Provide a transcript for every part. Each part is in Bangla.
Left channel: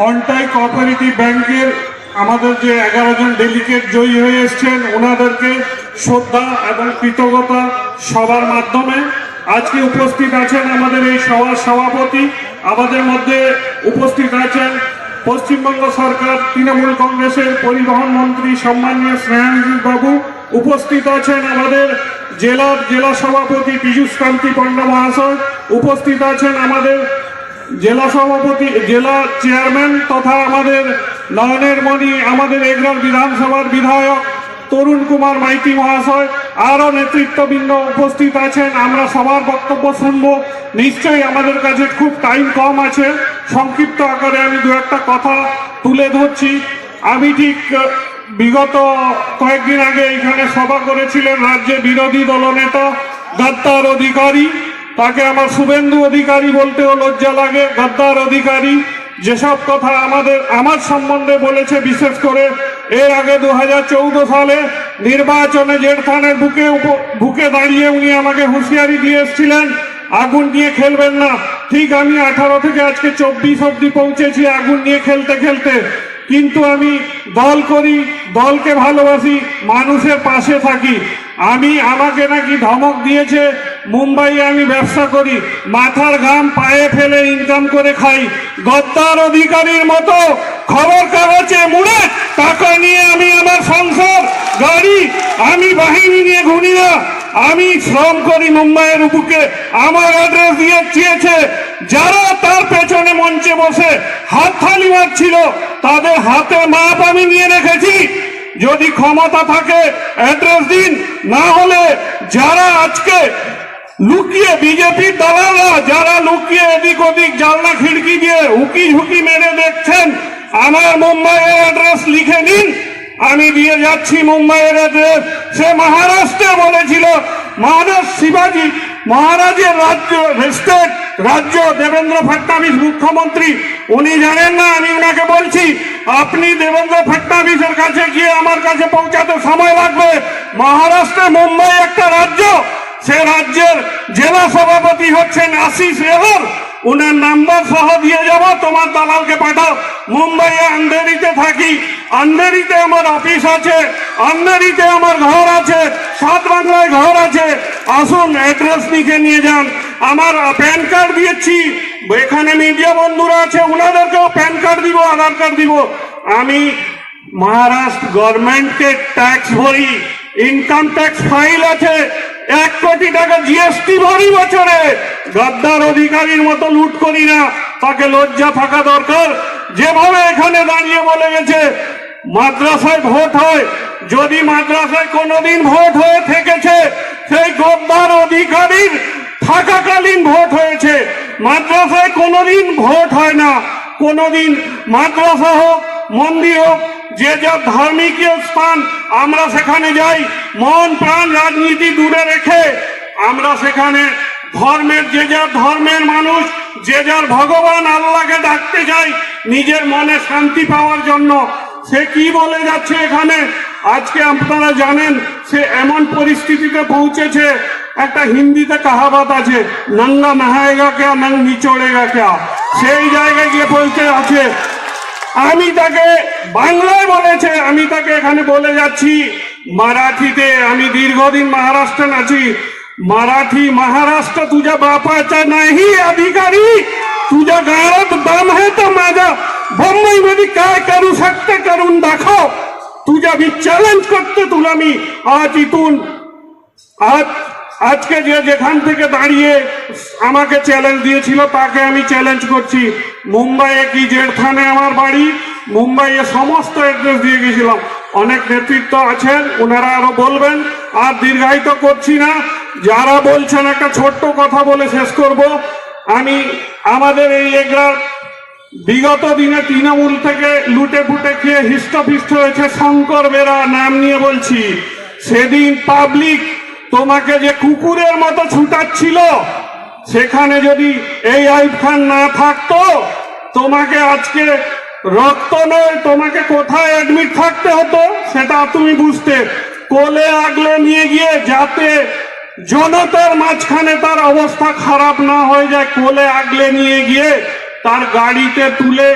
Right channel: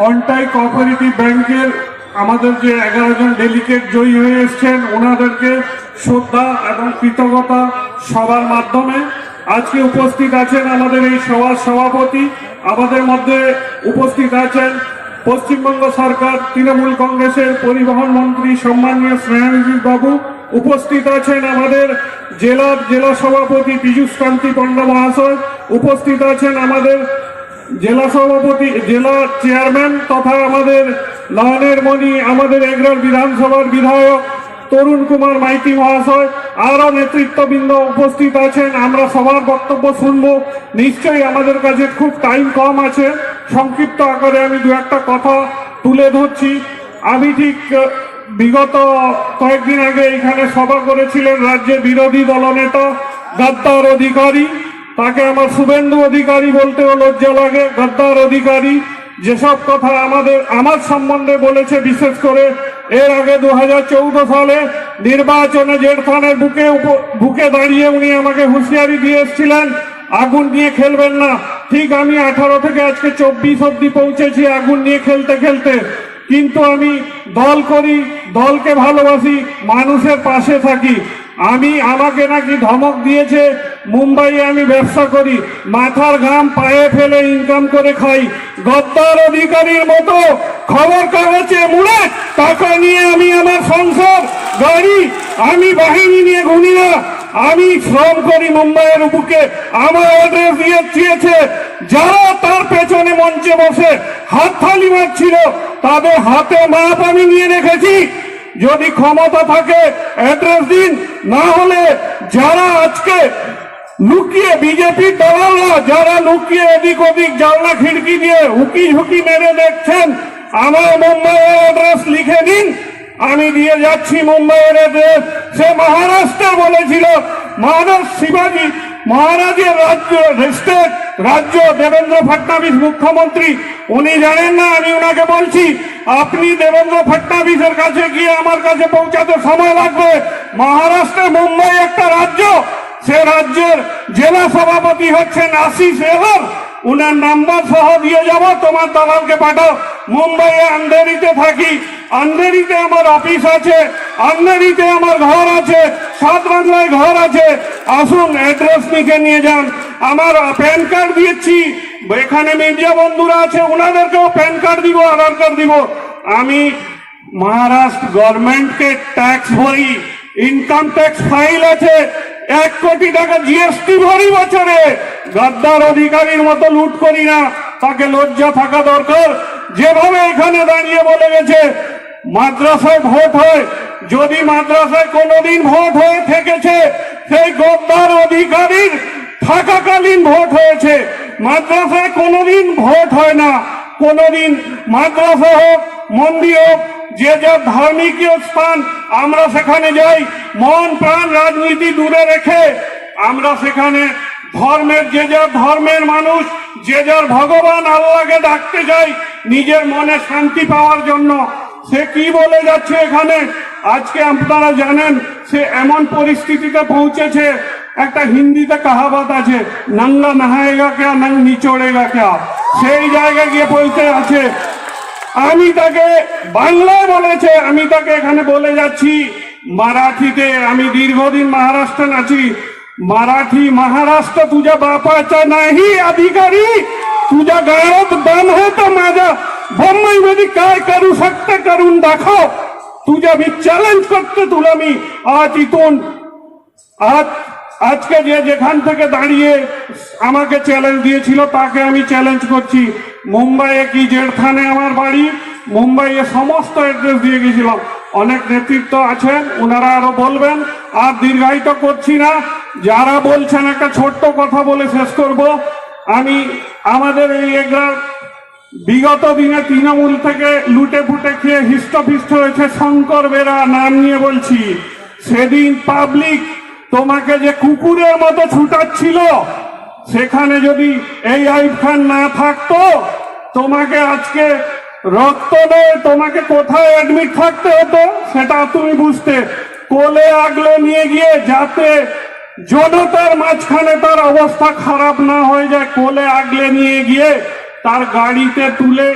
কন্টাই কোঅপারেটিভ ব্যাংকের আমাদের যে এগারো জন ডেলিগেট জয়ী হয়ে এসছেন, ওনাদেরকে শ্রদ্ধা এবং কৃতজ্ঞতা সবার মাধ্যমে। আজকে উপস্থিত আছেন আমাদের এই সভার সভাপতি। আমাদের মধ্যে উপস্থিত আছেন পশ্চিমবঙ্গ সরকার, তৃণমূল কংগ্রেসের পরিবহন মন্ত্রী সম্মানীয় স্নেহানজিৎ বাবু। উপস্থিত আছেন আমাদের জেলার জেলা সভাপতি পীযূষ পণ্ডা মহাশয়। উপস্থিত আছেন আমাদের জেলা সভাপতি, জেলা চেয়ারম্যান তথা আমাদের নয়নের মণি, আমাদের এগরার বিধানসভার বিধায়ক তরুণ কুমার মাইতি মহাশয়, আরও নেতৃত্ববৃন্দ উপস্থিত আছেন। আমরা সবার বক্তব্য শুনব। নিশ্চয়ই আমাদের কাছে খুব টাইম কম আছে। সংক্ষিপ্ত আকারে আমি দু একটা কথা তুলে ধরছি। আমি ঠিক বিগত কয়েকদিন আগে এখানে সভা করেছিলেন রাজ্যে বিরোধী দলনেতা, গাদ্দার অধিকারী। তাকে আমার শুভেন্দু অধিকারী বলতেও লজ্জা লাগে, গদ্দার অধিকারী। যেসব কথা আমাদের, আমার সম্বন্ধে বলেছে, বিশেষ করে এর আগে দু হাজার সালে নির্বাচনে জেঠথানের বুকে বুকে দাঁড়িয়ে উনি আমাকে হুঁশিয়ারি দিয়ে এসেছিলেন, আগুন নিয়ে খেলবেন না। ঠিক আমি আঠারো থেকে আজকে চব্বিশ অব্দি পৌঁছেছি আগুন নিয়ে খেলতে খেলতে। কিন্তু আমি দল করি, দলকে ভালোবাসি, মানুষের পাশে থাকি। আমি, আমাকে নাকি ধমক দিয়েছে মুম্বাইয়ে আমি ব্যবসা করি, মাথার ঘাম পায়ে ফেলে ইনকাম করে খাই। গদ্দার অধিকারীর মতো খবর কাগজে মুড়ে টাকা নিয়ে আমি আমার সংসার, গাড়ি, আমি বাহিনী নিয়ে ঘুরি না। আমি শ্রম করি মুম্বাইয়ের বুকে আমার অ্যাড্রেস দিয়ে চেয়েছে, যারা তার পেছনে মঞ্চে বসে হাত থালি মারছিল, তাদের হাতে মাপ আমি নিয়ে রেখেছি। যদি ক্ষমতা থাকে অ্যাড্রেস দিন। না হলে যারা আজকে লুকিয়ে বিজেপির দালালরা যারা লুকিয়ে এদিক ওদিক জানলা খিড়কি দিয়ে হুকি ঝুঁকি মেরে দেখছেন, আমার মুম্বাইয়ের অ্যাড্রেস লিখে নিন। আমি দিয়ে যাচ্ছি মুম্বাইয়ের অ্যাড্রেস। সে মহারাষ্ট্রে বলেছিল মহারাজ শিবাজি, মহারাজের রাজ্য স্টেট রাজ্য, দেবেন্দ্র ফডনাবিস মুখ্যমন্ত্রী। উনি জানেন না, আমি ওনাকে বলছি, আপনি দেবেন্দ্র ফডনাবিসের কাছে গিয়ে আমার কাছে পৌঁছাতে সময় লাগবে। মহারাষ্ট্রে মুম্বাই একটা রাজ্য সে রাজ্যের জেলা সভাপতি হচ্ছেন আশিস এহর উনার নাম্বার সহ দিয়ে যাব, তোমার দালালকে পাঠাও। মুম্বাইয়ে আন্ধেরিতে থাকি। আন্ধেরিতে আমার অফিস আছে, আন্ধেরিতে আমার ঘর আছে, সাত বাংলায় ঘর আছে। আসুন, অ্যাড্রেস লিখে নিয়ে যান। আমার প্যান কার্ড দিয়েছি। এখানে মিডিয়া বন্ধুরা আছে ওনাদেরকেও প্যান কার্ড দিব, আধার কার্ড দিব। আমি মহারাষ্ট্র গভর্নমেন্টকে ট্যাক্স ভরি। ইনকাম ট্যাক্স ফাইল আছে, এক কোটি টাকা জিএসটি ভরি বছরে। গাদ্দার অধিকারীর মতো লুট করি না, তাকে লজ্জা থাকা দরকার। যেভাবে এখানে দাঁড়িয়ে বলে গেছে, মাদ্রাসায় ভোট হয়, যদি মাদ্রাসায় কোনোদিন ভোট হয়ে থেকেছে, সেই গদ্দার অধিকারীর থাকাকালীন ভোট হয়েছে। মাদ্রাসায় কোনোদিন ভোট হয় না। কোনোদিন মাদ্রাসা হোক, মন্দির হোক যে যা ধার্মিকীয় স্থান, আমরা সেখানে যাই। মন প্রাণ রাজনীতি দূরে রেখে আমরা সেখানে ধর্মের, যে যার ধর্মের মানুষ, যে যার ভগবান আল্লাহকে ডাকতে যাই, নিজের মনে শান্তি পাওয়ার জন্য। সে কি বলে যাচ্ছে এখানে? আজকে আপনারা জানেন, সে এমন পরিস্থিতিতে পৌঁছেছে। একটা হিন্দিতে কাহাবাত আছে, নঙ্গা নহায়েগা কে নং নিচড়েগা কে সেই জায়গায় গিয়ে পৌঁছে আছে। আমি তাকে বাংলায় বলেছে আমি তাকে এখানে বলে যাচ্ছি মারাঠিতে আমি দীর্ঘদিন মহারাষ্ট্রে আছি मराठी महाराष्ट्र तुझ्या बापाचा नाही अधिकारी तुझ्या गाळात दम आहे तर माझा मुंबई मध्ये काय करू शकते करून दाखव तुझ्या मी চ্যালেঞ্জ করতে তুলা मी আজ ইতুন আজ আজকে যে যেখান থেকে দাঁড়িয়ে আমাকে চ্যালেঞ্জ দিয়েছিল তাকে আমি চ্যালেঞ্জ করছি মুম্বাইয়ে কি জেঠথানে আমার বাড়ি? মুম্বাইয়ে সমস্ত অ্যাড্রেস দিয়ে গেছিলাম। অনেক নেতৃত্ব আছেন ওনারা আরও বলবেন, আর দীর্ঘায়িত করছি না। যারা বলছেন একটা ছোট্ট কথা বলে শেষ করব। আমি আমাদের এই এগরার বিগত দিনে তৃণমূল থেকে লুটে ফুটে খেয়ে হিষ্টপিষ্ট হয়েছে শঙ্কর বেরা নাম নিয়ে বলছি। সেদিন পাবলিক তোমাকে যে কুকুরের মতো ছুটাচ্ছিল সেখানে যদি এই আইব খান না থাকতো, তোমাকে আজকে রক্ত তোমাকে কোথায় অ্যাডমিট থাকতে হতো, সেটা তুমি বুঝতে। কোলে আগলে নিয়ে গিয়ে যাতে জনতার মাঝখানে তার অবস্থা খারাপ না হয়ে যায়, কোলে আগলে নিয়ে গিয়ে তার গাড়িতে তুলে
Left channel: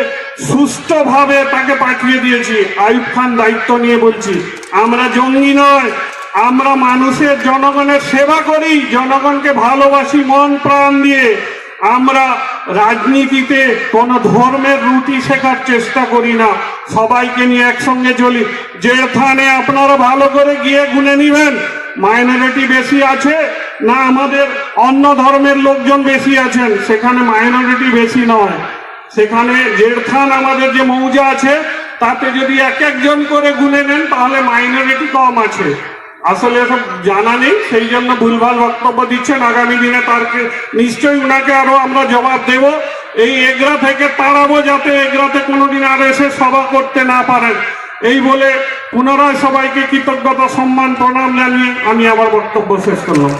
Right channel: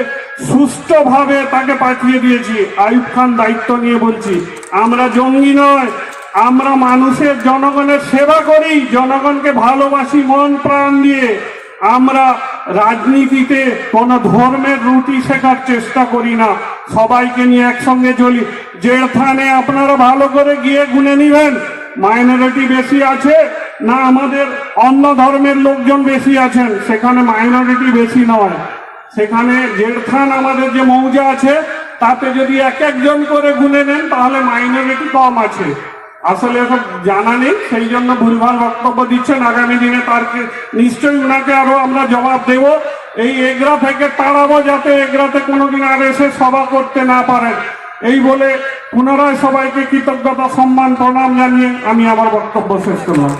সুস্থভাবে তাকে পাঠিয়ে দিয়েছি। আইব খান দায়িত্ব নিয়ে বলছি, আমরা জঙ্গি নয় আমরা মানুষের জনগণের সেবা করি, জনগণকে ভালোবাসি মন, প্রাণ দিয়ে। আমরা রাজনীতিতে কোনো ধর্মের রুটি শেখার চেষ্টা করি না। সবাইকে নিয়ে একসঙ্গে চলি। জেড়থানে আপনারা ভালো করে গিয়ে গুনে নিবেন। মাইনরিটি বেশি আছে না আমাদের অন্য ধর্মের লোকজন বেশি আছেন? সেখানে মাইনরিটি বেশি নয়। সেখানে জেড়খান আমাদের যে মৌজা আছে, তাতে যদি এক একজন করে গুনে নেন, তাহলে মাইনরিটি কম আছে। আসলে এসব জানা নেই, সেই জন্য ভুলভাল বক্তব্য দিচ্ছেন। আগামী দিনে তার নিশ্চয়ই উনাকে আরও আমরা জবাব দেব। এই এগরা থেকে তাড়াবো যাতে এগরাতে কোনোদিন আর এসে সভা করতে না পারেন। এই বলে পুনরায় সবাইকে কৃতজ্ঞতা, সম্মান, প্রণাম জানিয়ে আমি আবার বক্তব্য শেষ করলাম।